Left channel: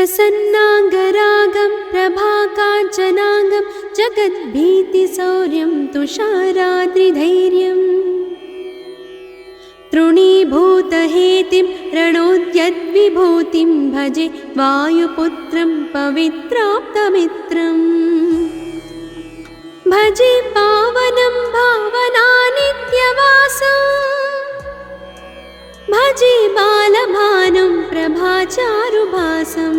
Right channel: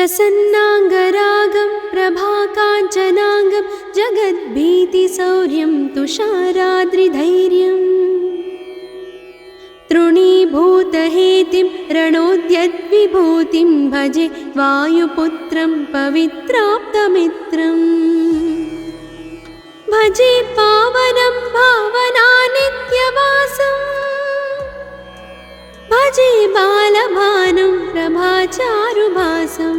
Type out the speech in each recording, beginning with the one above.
प्रसन्नाङ्गरागं प्रभाकाञ्चनाङ्गं जगद्भीतिशौर्यं तुषाराद्रिधैर्यम् तृणीभूतहेतिं रणोद्यद्विभूतिं भजे वायुपुत्रं पवित्राप्तमित्रम् भजे पावनं भावनानित्यवासम् भजे बालभानं प्रभाचारुभासम्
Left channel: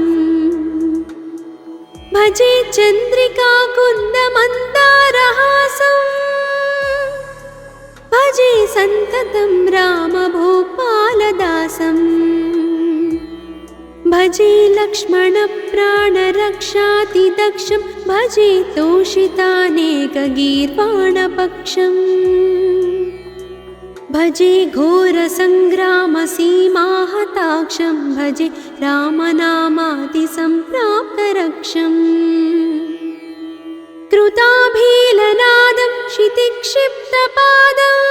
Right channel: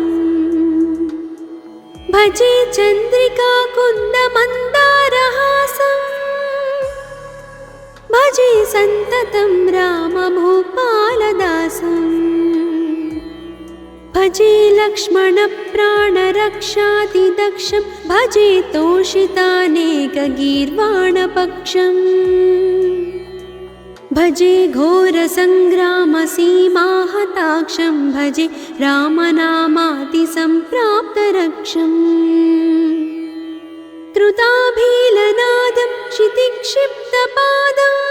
भजे चन्द्रिकाकुन्दमन्दारहासम् भजे सन्ततं रामभूपालदासम् भजे लक्ष्मणप्राणरक्षातिदक्षं भजे तोषितानेकगीर्वाणपक्षम् भजे घोरसङ्ग्रामसीमाहताक्षं भजे रामनामातिसम्प्राप्तरक्षम् कृताभीलनादं क्षितिक्षिप्तपादम्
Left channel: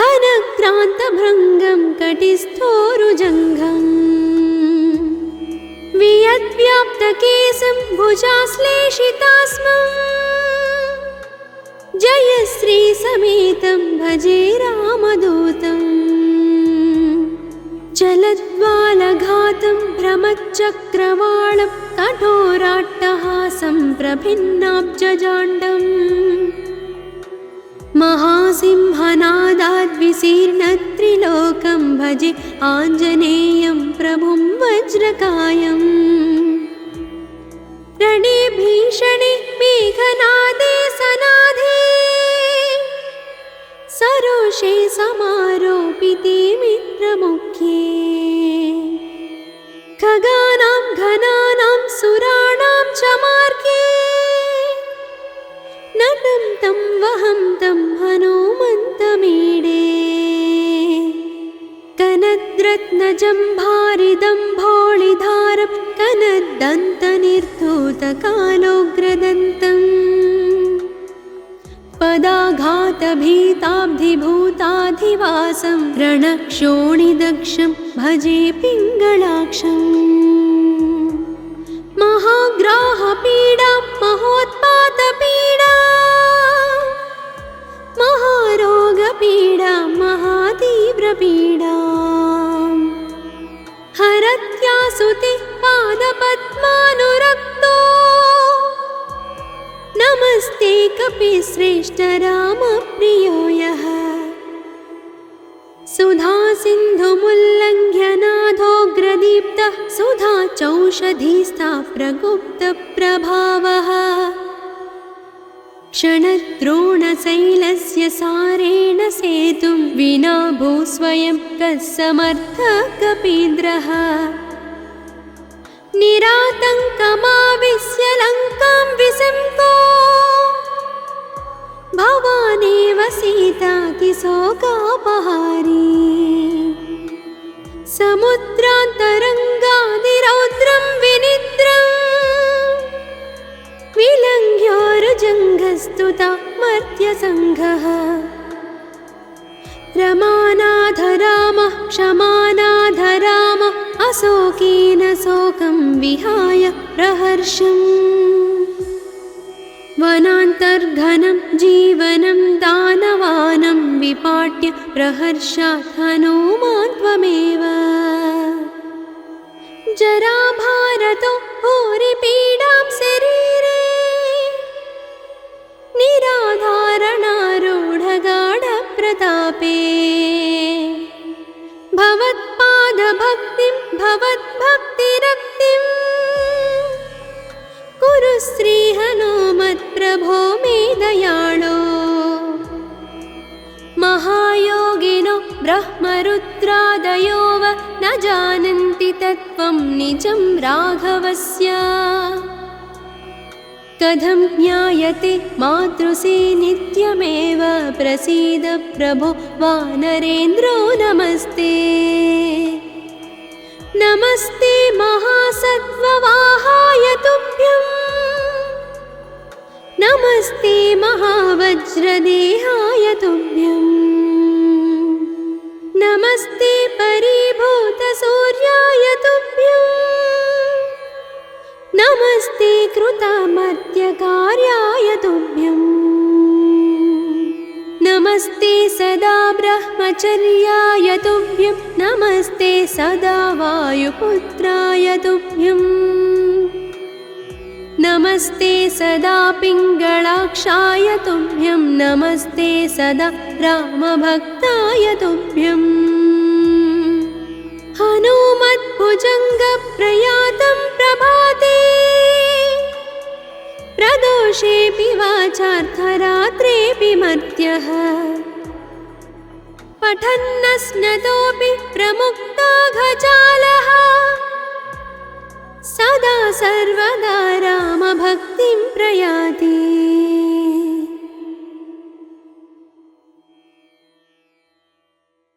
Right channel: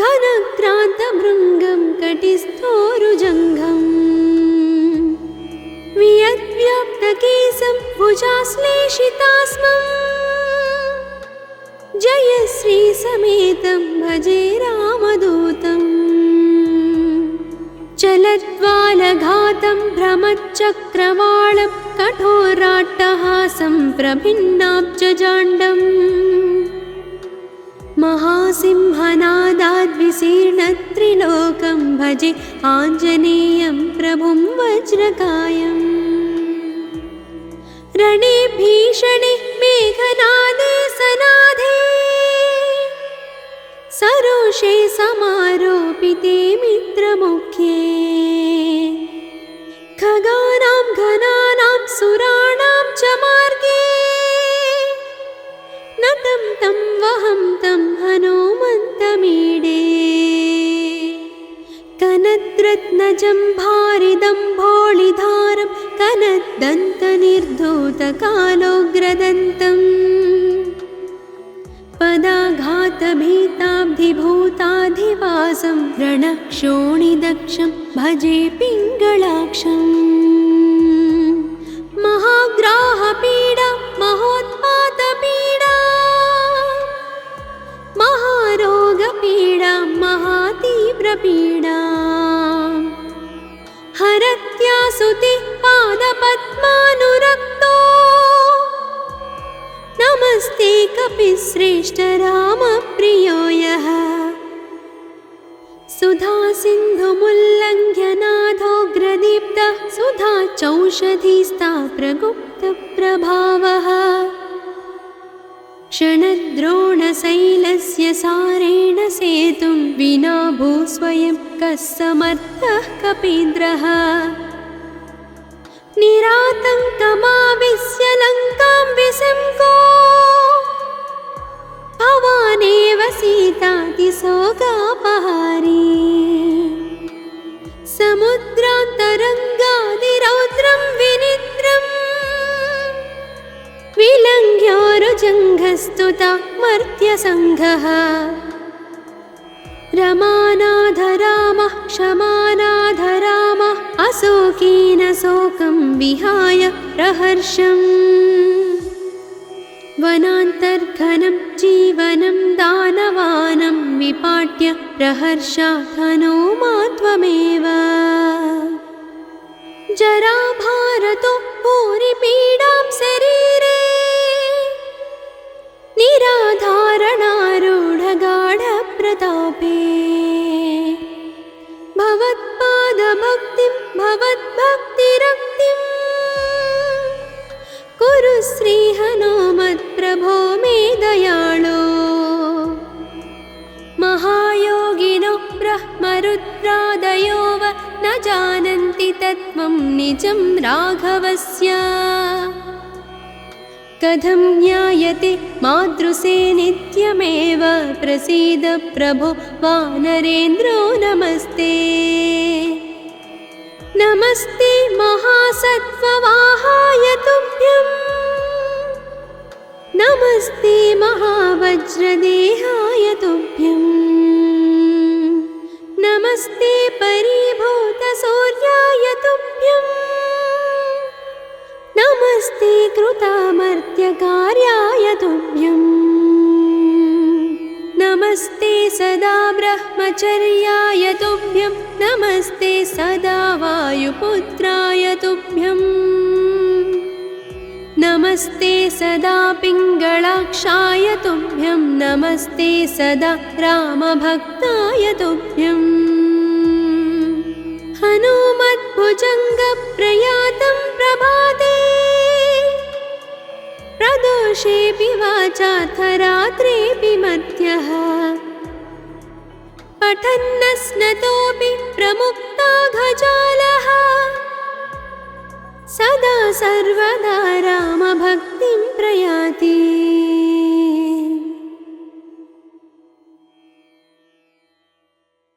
घनक्रान्तभृङ्गं कटिस्थोरुजङ्घम् वियद्व्याप्तकेशं भुजाश्लेषितास्मम् जयश्रीसमेतं भजे रामदूतम् चलद्वालघातं भ्रमच्चक्रवालं कठोराट्टहासं प्रभिन्नाब्जजाण्डम् महासिंहनादाद्विशीर्णत्रिलोकं भजे आञ्जनेयं प्रभुं वज्रकायम् रणे भीषणे मेघनादे सनादे सरोषे समारोपिते मित्रमुख्ये खगानां घनानां सुराणां च मार्गे नतं तं वहं तं हनुमन्तमीडे कनद्रत्नजम्भारिदम्भोळिधारं कनद्दन्तनिर्धूतकालोग्रदन्तम् पदाघातभीताब्धिभूताधिवासं रणक्षोणिदक्षं भजे पिङ्गळाक्षम् महाग्राहपीडा महोत्पातपीडा महारोगपीडा महातीव्रपीडा हरत्यासुते पादपद्मानुरक्तो नमस्ते कपिश्रेष्ठ रामप्रियो यः सुधासिन्धुमुल्लङ्घ्य नाथोग्रदीप्तः सुधाचौषधीस्ता प्रगुप्तप्रभावः षडद्रोणशैलस्य सारेण सेतुं विना भूस्वयं कः समर्थः कपीन्द्रः निरातङ्कमाविश्य लङ्कां विसङ्गो भवानेव सीतातिशोकापहारी समुद्रान्तरङ्गादिरौद्रं विनिद्रम् विलङ्घ्योरुजङ्घस्तुतं मर्त्यसङ्घः रमानाथ रामः क्षमानाथ रामः अशोकेन शोकं विहाय प्रहर्षम् वनान्तर्घनं जीवनं दानवानं विपाट्य प्रहर्षात् हनूमान् त्वमेव जराभारतो भूरिपीडां शरीरे निराधारणारूढगाढप्रतापे भवत्पादभक्तिं भवद्भक्तिरक्तिं कुरु श्रीहनुमत्प्रभो मे दयाळो महायोगिनो ब्रह्मरुद्रादयो वा न जानन्ति तत्त्वं निजं राघवस्य कथं ज्ञायते मातृसे नित्यमेव प्रसीद प्रभो वानरेन्द्रो नमस्ते नमस्ते महासत्त्ववाहाय तुभ्यं नमस्ते महावज्रदेहाय तुभ्यं नमस्ते परीभूतसूर्याय तुभ्यम् ब्रह्मचर्याय तुभ्यं नमस्ते सदा वायुपुत्राय तुभ्यं नमस्ते सदा पिङ्गलाक्षाय तुभ्यं नमस्ते सदा रामभक्ताय तुभ्यं हनुमद्भुजङ्गप्रयातं प्रभाते प्रदोषेऽपि वाचाथ रात्रेऽपि मर्त्यः पठन्नस्नतोऽपि प्रमुक्ताघजालः सदा सर्वदा रामभक्तिं प्रयाति।